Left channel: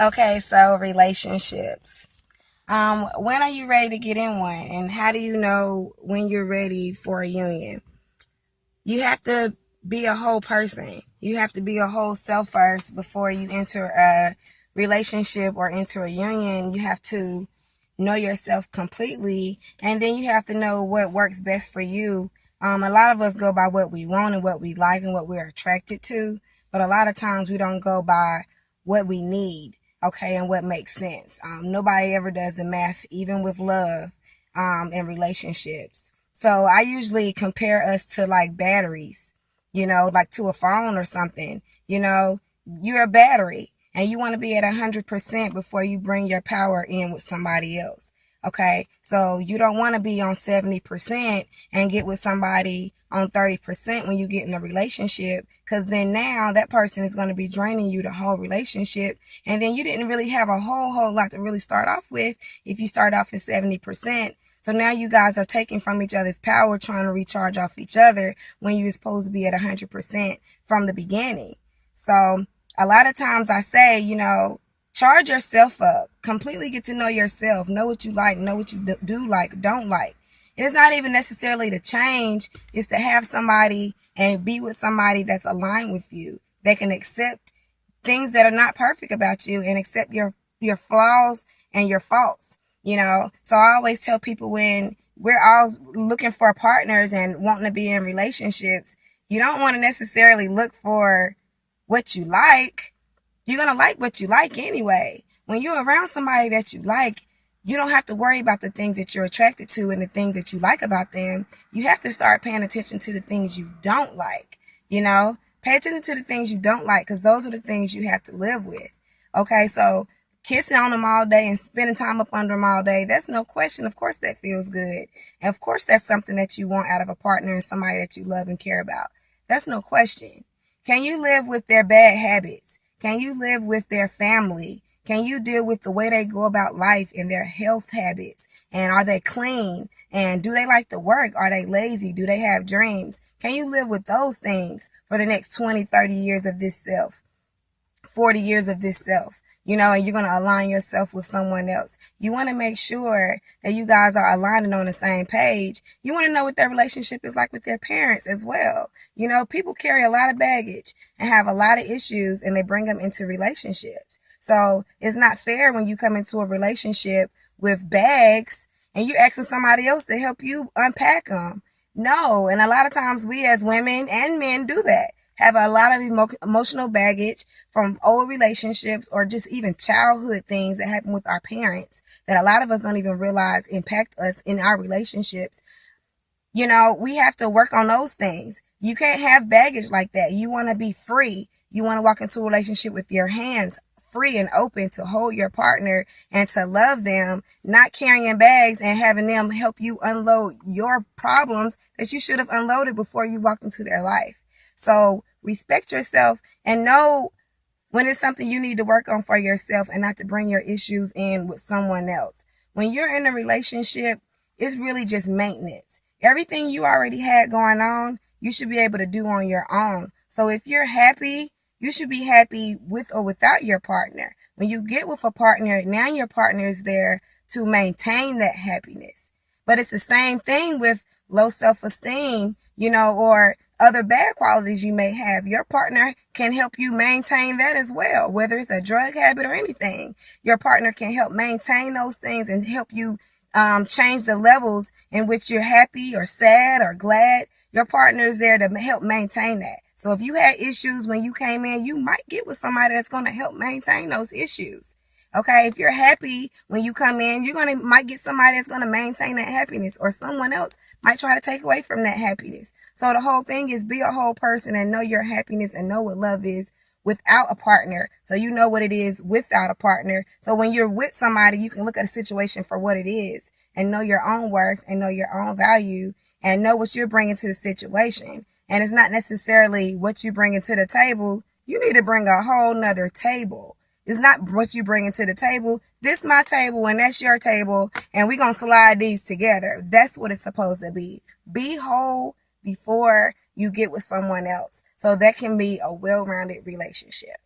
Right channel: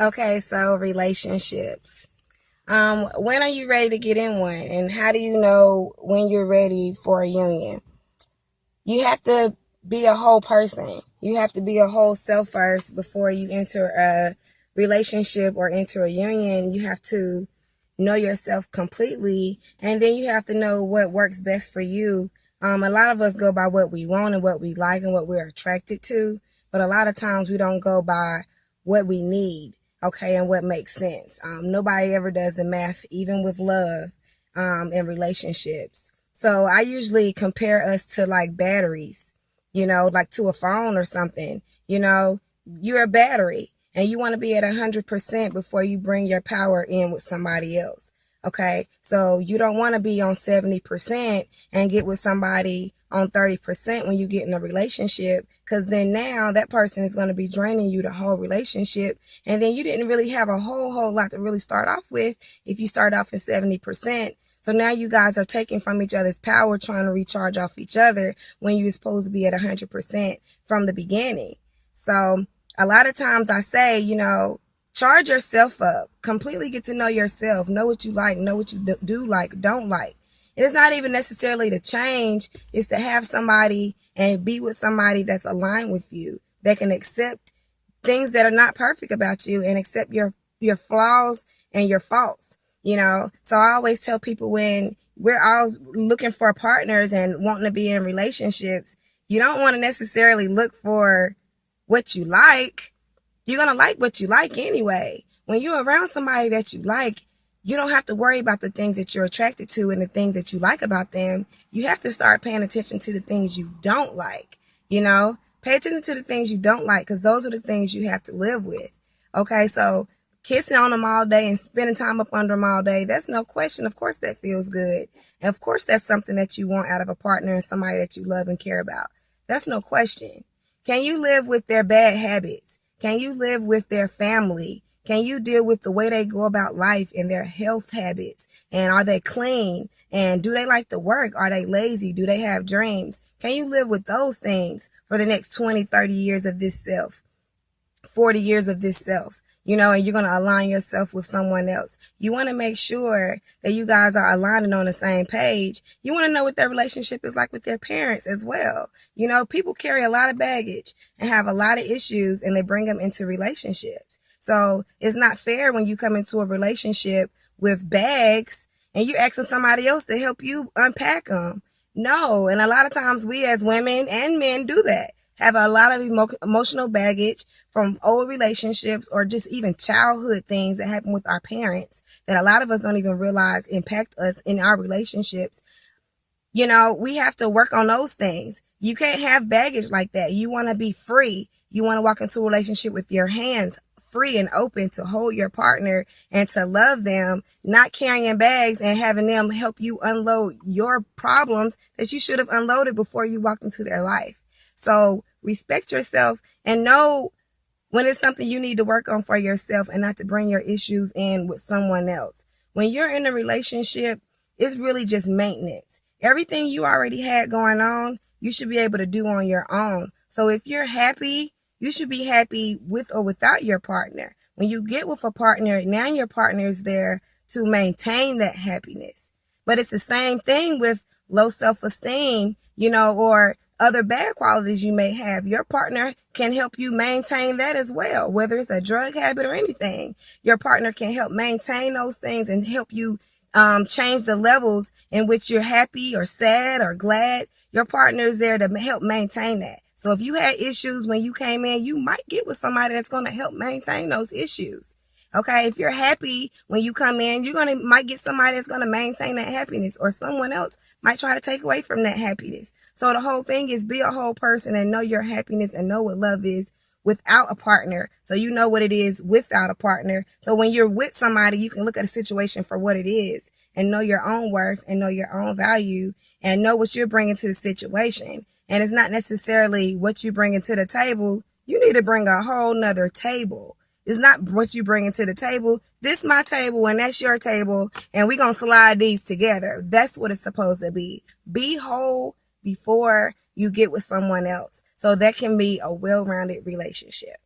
Okay, so relationships. When are you ready to get in one? And how do you know when you're ready for a union? You have to be a whole person. You have to be a whole self first before you enter a relationship or enter a union. You have to know yourself completely, and then you have to know what works best for you. A lot of us go by what we want and what we like and what we're attracted to, but a lot of times we don't go by what we need, okay, and what makes sense. Nobody ever does the math, even with love, and relationships. So I usually compare us to like batteries, like to a phone or something. You're a battery and you want to be at 100% before you bring your power in with somebody else. Okay. So you don't want to be on 70% and get with somebody on 30% when you get in a relationship, because then now that person is going to be draining you the whole relationship. And then you didn't really have a whole lot to really start off with if you start off at 70%. So now you guys are taking from each other's power, trying to recharge off each other when you're supposed to be at 100% from the beginning. So a lot of times I say, charge yourself up, completely get to know yourself, know what you like, know what you do like, don't like. It's not even necessarily to change, it's to have somebody and be with somebody that's aligned with you, that can accept things that are not perfect about you and accept your flaws and your faults. So I always tell people, when we're all looking for partners and wanting to be in relationships, you don't want to necessarily look for what you like. You're going to like what you like anyway. When you're around somebody that you like, you don't have to worry about the things that you're attracted to and the things that you like about them. You have to start paying attention to the things you don't like. Pay attention to the things you don't like, because those are the things you have to live with. Okay, so kissing on them all day and spending time up under them all day, that's no question. Of course that feels good. And of course that's something that you want out of a partner and somebody that you love and care about. That's no question. Can you live with their bad habits? Can you live with their family? Can you deal with the way they go about life and their health habits? And are they clean? And do they like to work? Are they lazy? Do they have dreams? Can you live with those things for the next 20, 30 years of this self, 40 years of this self? And you're going to align yourself with someone else. You want to make sure that you guys are aligning on the same page. You want to know what their relationship is like with their parents as well. People carry a lot of baggage and have a lot of issues, and they bring them into relationships. So it's not fair when you come into a relationship with bags and you're asking somebody else to help you unpack them. No. And a lot of times we as women and men do that. Have a lot of emotional baggage from old relationships or just even childhood things that happen with our parents that a lot of us don't even realize impact us in our relationships. We have to work on those things. You can't have baggage like that. You want to be free. You want to walk into a relationship with your hands free and open to hold your partner and to love them, not carrying bags and having them help you unload your problems that you should have unloaded before you walked into their life. So respect yourself and know when it's something you need to work on for yourself, and not to bring your issues in with someone else. When you're in a relationship, it's really just maintenance. Everything you already had going on, you should be able to do on your own. So if you're happy, you should be happy with or without your partner. When you get with a partner, now your partner is there to maintain that happiness. But it's the same thing with low self-esteem, or other bad qualities you may have. Your partner can help you maintain that as well, whether it's a drug habit or anything. Your partner can help maintain those things and help you change the levels in which you're happy or sad or glad. Your partner is there to help maintain that. So if you had issues when you came in, you might get with somebody that's going to help maintain those issues. Okay, if you're happy when you come in, might get somebody that's going to maintain that happiness, or someone else might try to take away from that happiness. So the whole thing is be a whole person and know your happiness and know what love is without a partner. So you know what it is without a partner. So when you're with somebody, you can look at a situation for what it is and know your own worth and know your own value and know what you're bringing to the situation. And it's not necessarily what you bring to the table. You need to bring a whole nother table. It's not what you bring to the table. This is my table and that's your table, and we're going to slide these together. That's what it's supposed to be. Be whole before you get with someone else, so that can be a well-rounded relationship.